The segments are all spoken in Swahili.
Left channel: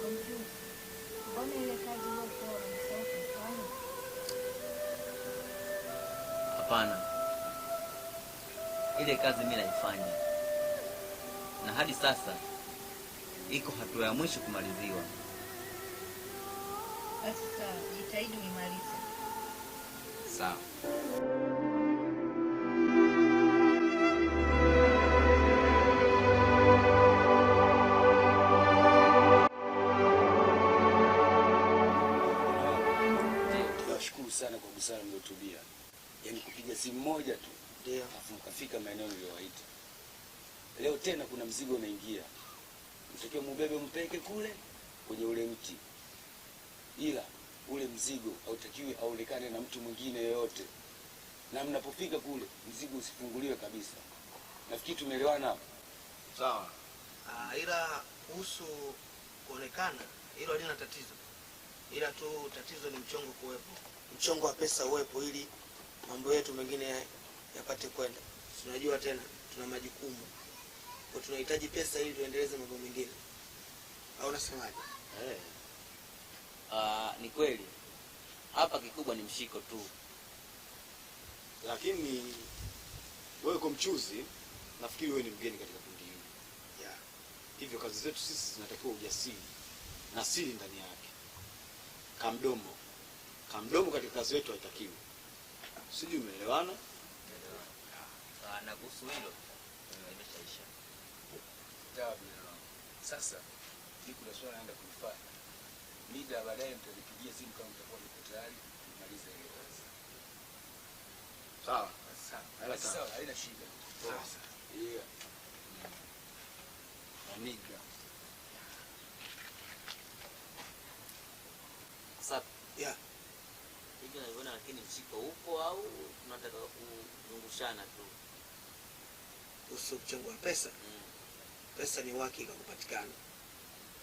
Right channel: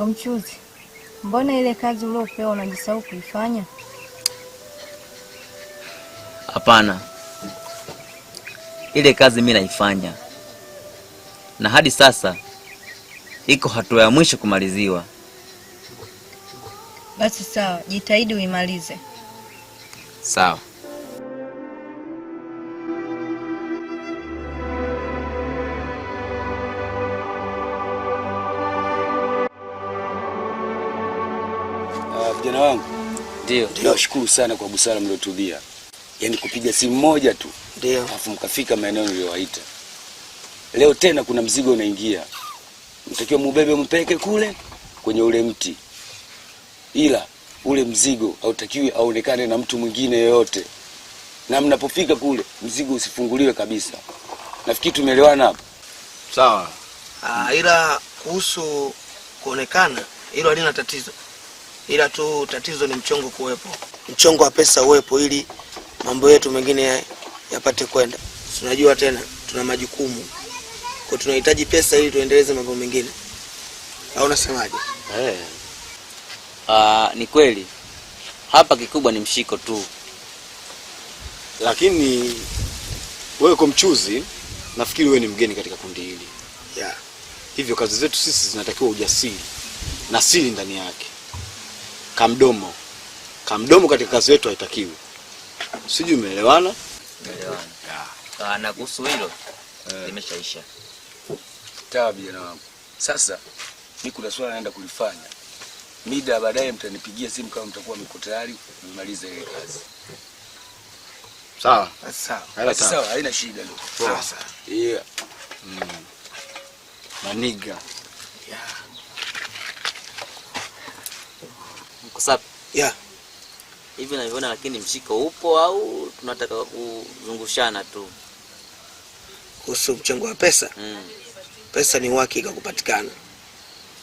Kwa mchuzi, mbona ile kazi uliopewa unajisahau kuifanya? Hapana. Ile kazi mimi naifanya. Na hadi sasa iko hatua ya mwisho kumaliziwa. Basi sawa, jitahidi uimalize. Sawa. Vijana wangu, Ndio. Nawashukuru sana kwa busara mliotulia. Yaani kupiga simu moja tu. Ndio. Alafu mkafika maeneo niliyowaita. Leo tena kuna mzigo unaingia. Mtakiwa mubebe mpeke kule kwenye ule mti. Ila ule mzigo hautakiwi aonekane na mtu mwingine yoyote. Na mnapofika kule mzigo usifunguliwe kabisa. Nafikiri tumeelewana hapo. Sawa. Ila kuhusu kuonekana hilo halina tatizo. Ila tu tatizo ni mchongo kuwepo. Mchongo wa pesa uwepo ili mambo yetu mengine yapate kwenda. Tunajua tena tuna majukumu. Kwa tunahitaji pesa ili tuendeleze mambo mengine. Au unasemaje? Ni kweli. Hapa kikubwa ni mshiko tu. Lakini wewe kwa mchuzi, nafikiri wewe ni mgeni katika kundi hili. Yeah. Hivyo kazi zetu sisi zinatakiwa ujasiri na siri ndani yake. Kamdomo katika kazi yetu haitakiwi. Sijui umeelewana? Umeelewana. Na kuhusu hilo limeshaisha. Sawa vijana wangu. Sasa mimi kuna swala naenda kulifanya. Mida baadaye mtanipigia simu kama mtakuwa mko tayari kumaliza ile kazi. Sawa. Sawa. Sawa, haina shida leo. Sawa. Yeah. Maniga. Yeah. Mkusapi. Yeah. Hivi naviona lakini mshiko upo au tunataka kuzungushana tu? Kuhusu mchongo wa pesa? Pesa ni uhakika kupatikana.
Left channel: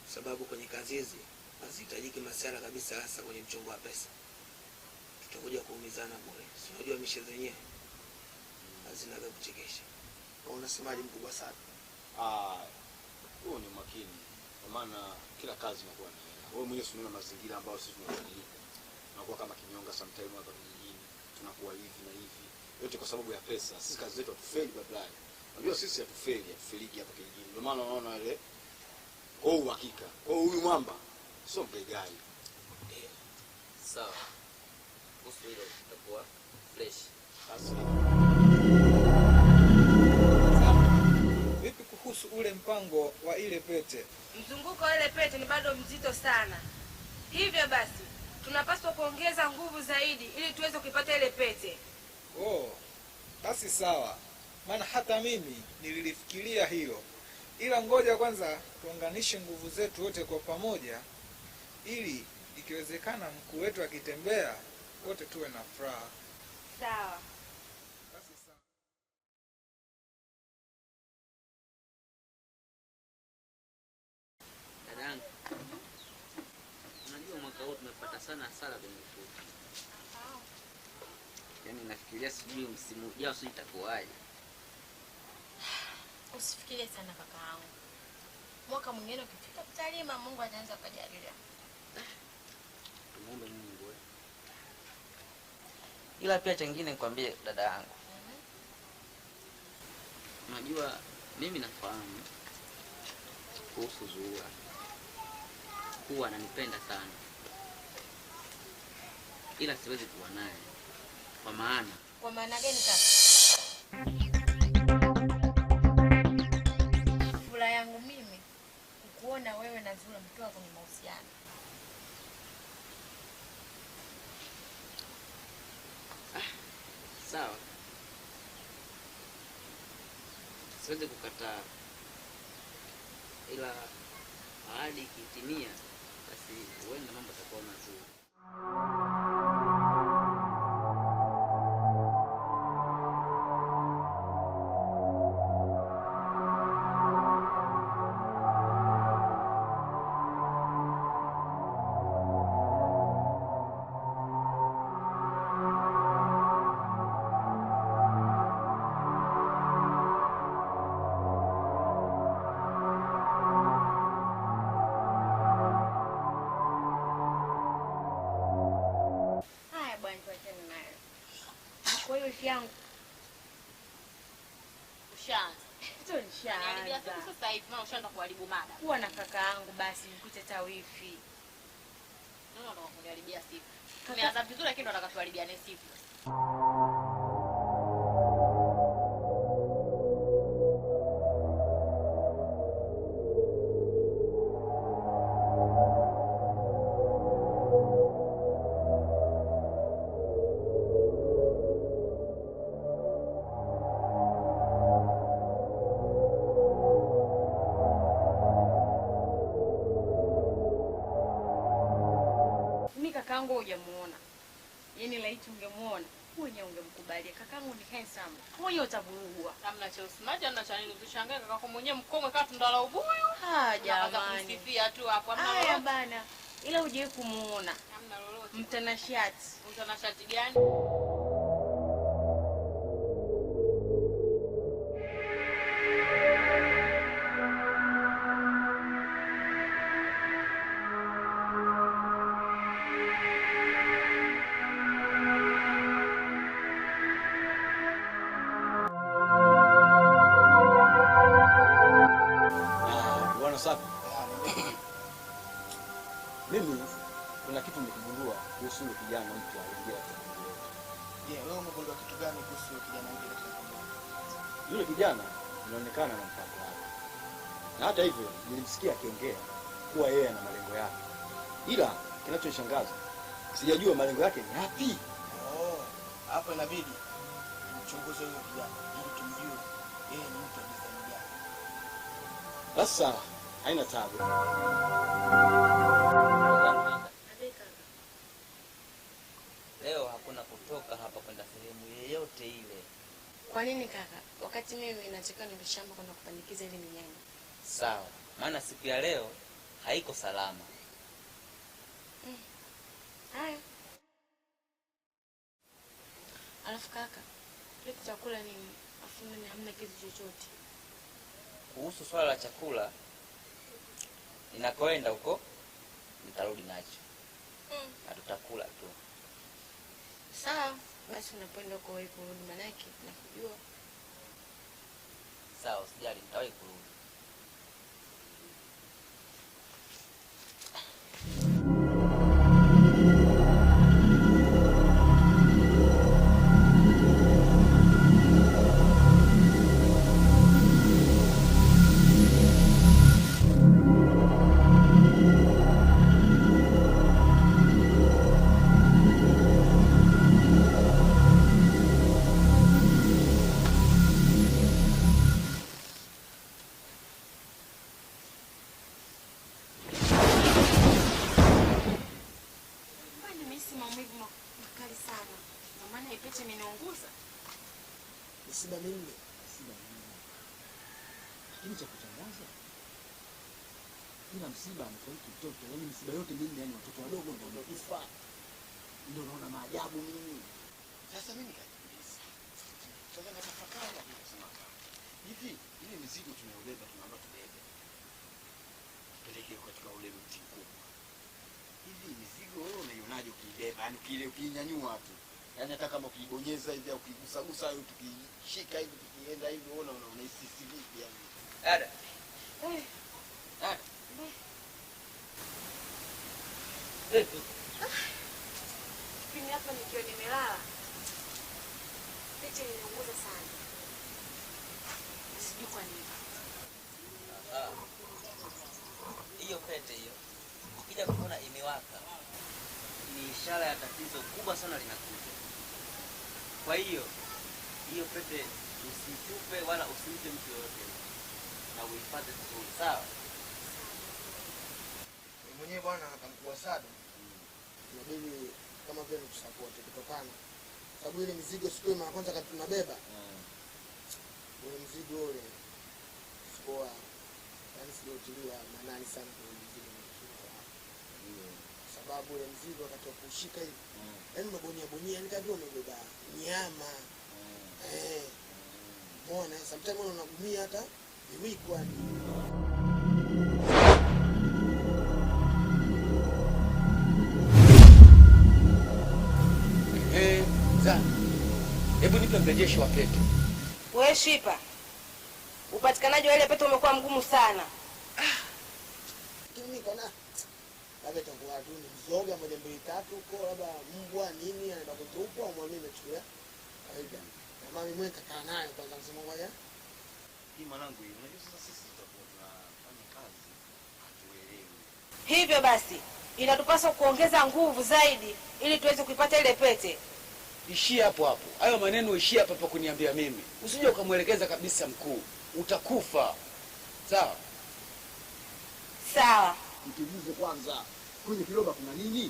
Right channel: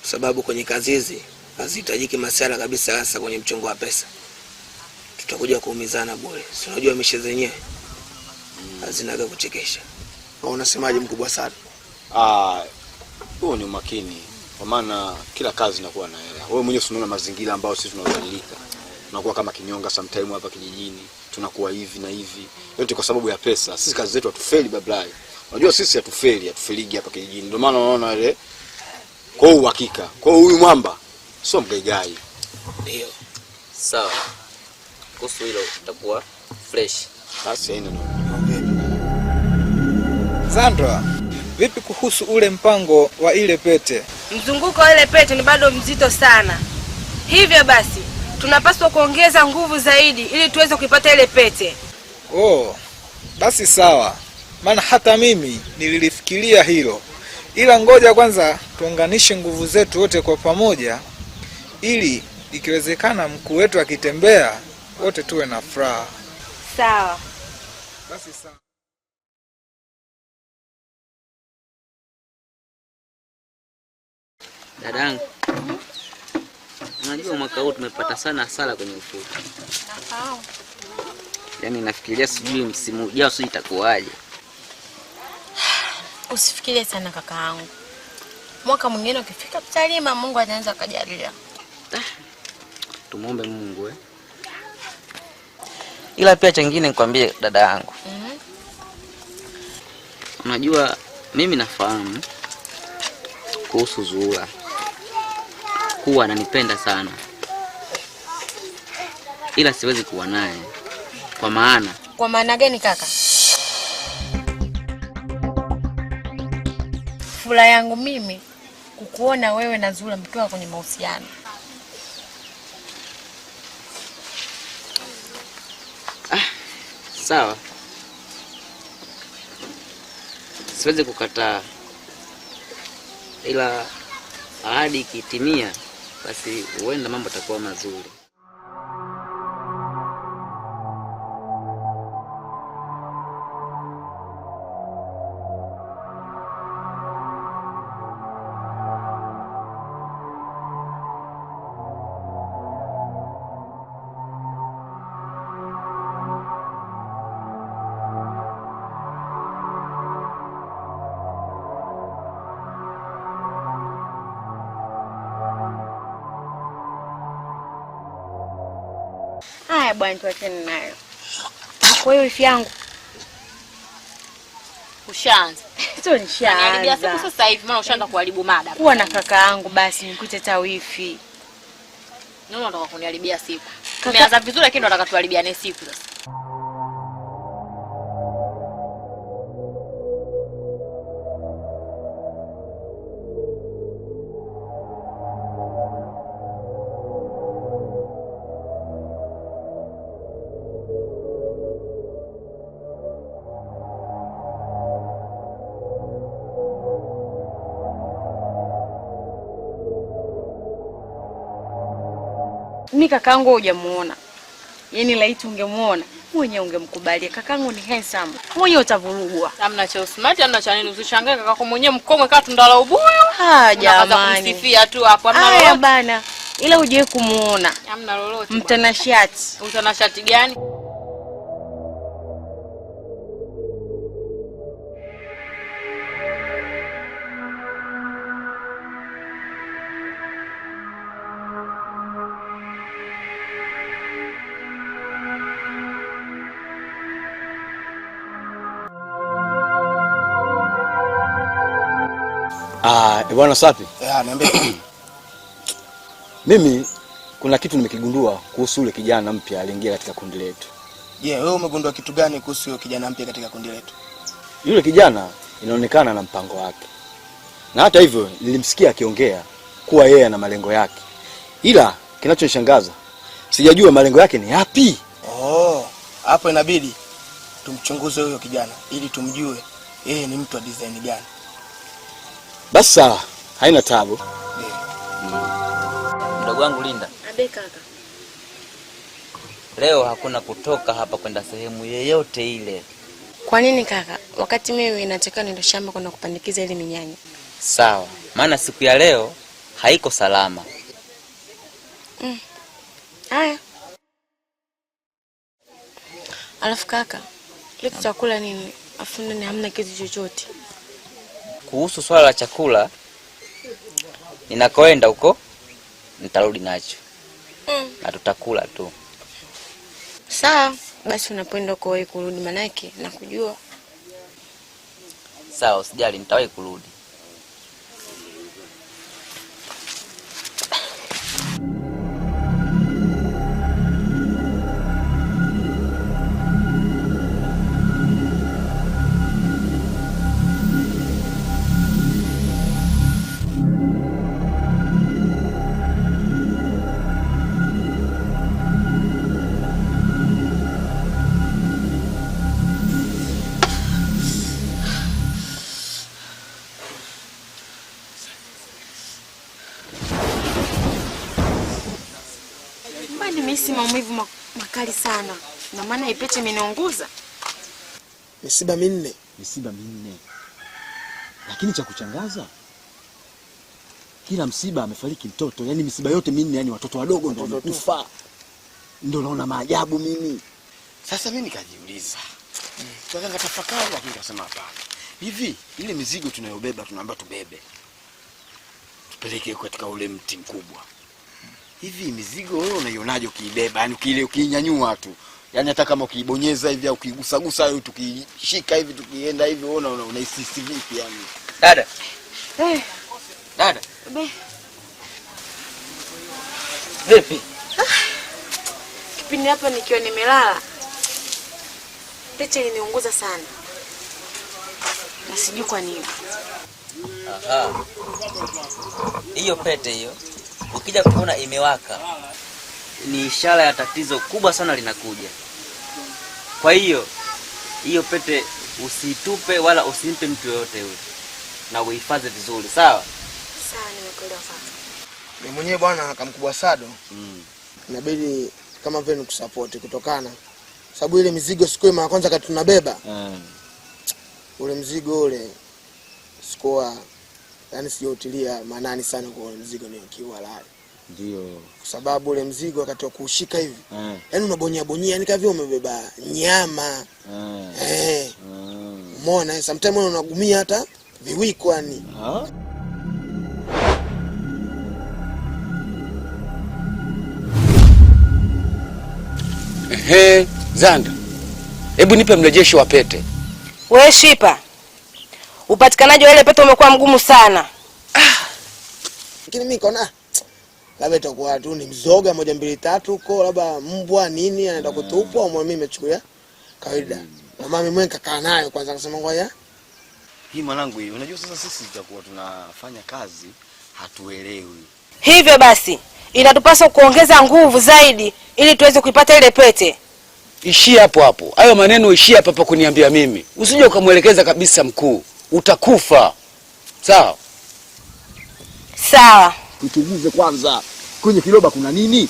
Sababu kwenye kazi hizi hazihitajiki masuala kabisa, hasa kwenye mchongo wa pesa. Tutakuja kuumizana bure. Si unajua mishe zenyewe hazinaga kuchekesha. Au unasemaje mkubwa sana? Huo ni umakini. Kwa maana kila kazi inakuwa na hela. Wewe mwenyewe unaona mazingira ambayo sisi tunabadilika. Tunakuwa kama kinyonga sometime hapa kijijini. Tunakuwa hivi na hivi. Yote kwa sababu ya pesa. Sisi kazi zetu hatufeli bablai. Unajua sisi hatufeligi hapa kijijini. Ndio maana unaona ile kwa uhakika. Kwa huyu mwamba sio mgaigai. Ndio. Sawa. Kuhusu hilo utakuwa fresh. Basi haina. Sandra, vipi kuhusu ule mpango wa ile pete? Mzunguko wa ile pete ni bado mzito sana. Hivyo basi, tunapaswa kuongeza nguvu zaidi ili tuweze kuipata ile pete. Basi sawa. Maana hata mimi nililifikiria hilo. Ila ngoja kwanza tuunganishe nguvu zetu wote kwa pamoja ili ikiwezekana mkuu wetu akitembea wote tuwe na furaha. Sawa. Basi sawa. Dadangu. Unajua mwaka huu tumepata sana hasara kwenye ufuta. Nafahamu. Yaani nafikiria sijui msimu ujao sijui itakuwaje. Usifikirie sana kakaangu. Mwaka mwingine ukifika tutalima, Mungu ataanza kujalia. Tumuombe Mungu Ila pia chengine nikwambie dada yangu. Unajua mimi nafahamu kuhusu Zuhura kuwa ananipenda sana. Ila siwezi kuwa naye. Kwa maana. Kwa maana gani kaka? Furaha yangu mimi kukuona wewe na Zuhura mkiwa kwenye mahusiano. Sawa. Siwezi kukataa. Ila ahadi ikitimia basi huenda mambo yatakuwa mazuri. bwana, tuachane nayo. Kwa hiyo wifi yangu Ushaanza. sio nishaanza. Siku sasa hivi maana ushaanza kuharibu mada. Kuwa na kaka yangu basi nikute ta wifi. Nani unataka kuniharibia siku? Tumeanza vizuri lakini unataka tuharibiane siku sasa. Mimi kakaangu hujamuona. Yaani laiti ungemuona, mwenyewe ungemkubalia. Kakaangu ni handsome. Mwenyewe utavurugwa. Hamna cha smart, hamna cha nini. Usishangae kaka mwenyewe mkongwe kama tundala ubuyu. Jamani. Kumsifia tu hapo, hamna lolote. Haya bana. Ila hujai kumuona. Hamna lolote. Mtanashati. Mtanashati gani? Bwana Sapi. Niambie. Mimi kuna kitu nimekigundua kuhusu yule kijana mpya aliingia katika kundi letu. Wewe umegundua kitu gani kuhusu yule kijana mpya katika kundi letu? Yule kijana inaonekana na mpango wake. Na hata hivyo nilimsikia akiongea kuwa yeye ana malengo yake. Ila kinachonishangaza, sijajua malengo yake ni yapi. Hapo inabidi tumchunguze huyo kijana ili tumjue yeye ni mtu wa design gani. Basi sawa, haina tabu. Mdogo wangu Linda. Abe kaka. Leo hakuna kutoka hapa kwenda sehemu yoyote ile. Kwa nini kaka? Wakati mimi nataka niende shamba kwenda kupandikiza ile minyanya. Sawa, maana siku ya leo haiko salama. Haya. Alafu kaka, leo tutakula nini? Afu ndani hamna kitu chochote. Kuhusu swala la chakula, ninakoenda huko nitarudi nacho. Na tutakula tu. Sawa, basi unapoenda huko wewe kurudi manake na kujua. Sawa, usijali nitawahi kurudi. Nimehisi maumivu makali sana. Na maana ipete imeniunguza. Misiba minne. Lakini cha kuchangaza, kila msiba amefariki mtoto. Yaani misiba yote minne, yani watoto wadogo ndio wamekufa. Ndio naona maajabu mimi. Sasa mimi nikajiuliza. Sasa nikatafakari lakini nikasema hapana. Hivi ile mizigo tunayobeba tunaomba tubebe. Tupeleke katika ule mti mkubwa. Hivi mizigo wewe unaionaje ukiibeba? Yaani ukinyanyua tu. Yaani hata kama ukiibonyeza hivi au ukigusagusa au tukishika hivi tukienda hivi unahisi vipi yani? Dada. Dada. Vipi? Kipindi hapa nikiwa nimelala. Pete iliniunguza sana. Na sijui kwa nini. Hiyo pete hiyo ukija kuona imewaka ni ishara ya tatizo kubwa sana linakuja. Kwa hiyo pete usitupe wala usimpe mtu yoyote yule. Na uhifadhi vizuri, sawa? Sawa, nimekuelewa sasa. Mimi mwenyewe bwana akamkubwa Sado. Inabidi kama vile tusupport kutokana sababu ile mizigo siku ya kwanza kati tunabeba. Ule mzigo ule sikoa yani sijotilia maanani sana kwa ule mzigo ni kiwa halali. Ndio. Kwa sababu ule mzigo wakati wa kushika hivi. Yaani unabonya yani kama vile umebeba nyama. Umeona sometimes unagumia hata viwiko yani. Ehe, Zanda. Hebu nipe mrejesho wa pete. Wewe Shipa, upatikanaji wa ile pete umekuwa mgumu sana. Lakini mimi nikaona labda itakuwa tu ni mzoga 1 2 3 huko, labda mbwa nini anaenda kutupwa, au mimi nimechukulia kawaida. Na mami mwenye kakaa nayo kwanza akasema ngoja. Hii mwanangu hii, unajua sasa sisi tutakuwa tunafanya kazi hatuelewi. Hivyo basi, inatupaswa kuongeza nguvu zaidi ili tuweze kuipata ile pete. Ishia hapo hapo. Hayo maneno ishia hapa kuniambia mimi. Usije ukamwelekeza kabisa mkuu. Utakufa. Sawa? Sawa. Tuchunguze kwanza. Kwenye kiroba kuna nini?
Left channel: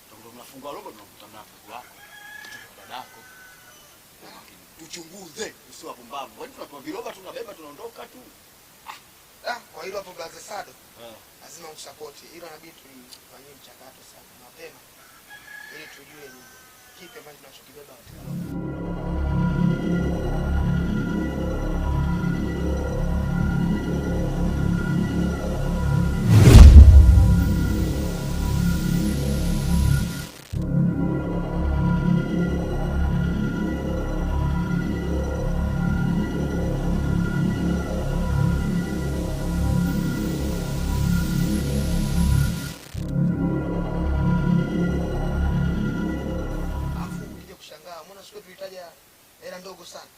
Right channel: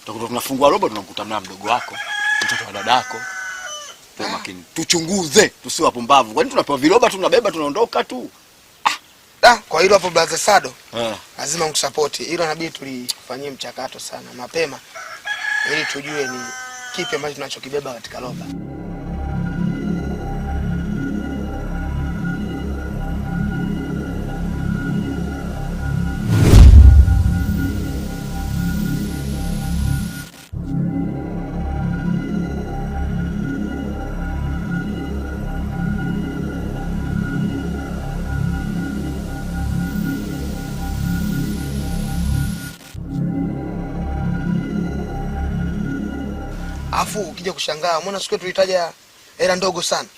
Tutakuwa tunafungua roba tunamkuta mna mdogo wako, mtoto wa dadako. Kwa makini. Tuchunguze, tusiwe wapumbavu. Kwani tunapewa viroba tunabeba tunaondoka tu? Kwa hilo hapo brother Sado. Lazima mtusupport. Hilo inabidi tulifanyie mchakato sana mapema ili tujue ni kipi ambacho tunachokibeba katika roba. Afu ukija kushangaa, umeona siku tulitaja hela ndogo sana.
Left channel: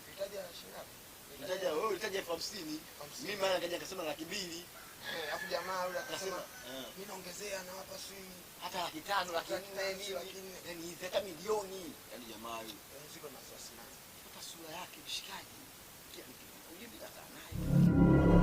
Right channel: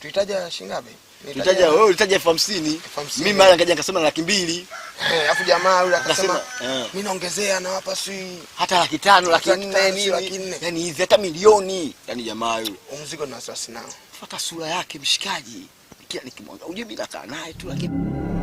Tulitaja shingapi? Tulitaja wewe ulitaja 50,000. Mimi mara nikaja nikasema 200,000. Afu jamaa yule akasema mimi naongezea na hapa si hata 500,000, 400,000. Yaani hivi hata milioni. Yaani jamaa yule. Mzigo na wasiwasi nao. Fuata sura yake mshikaji. Kila nikimwanga uje bila kaa naye tu lakini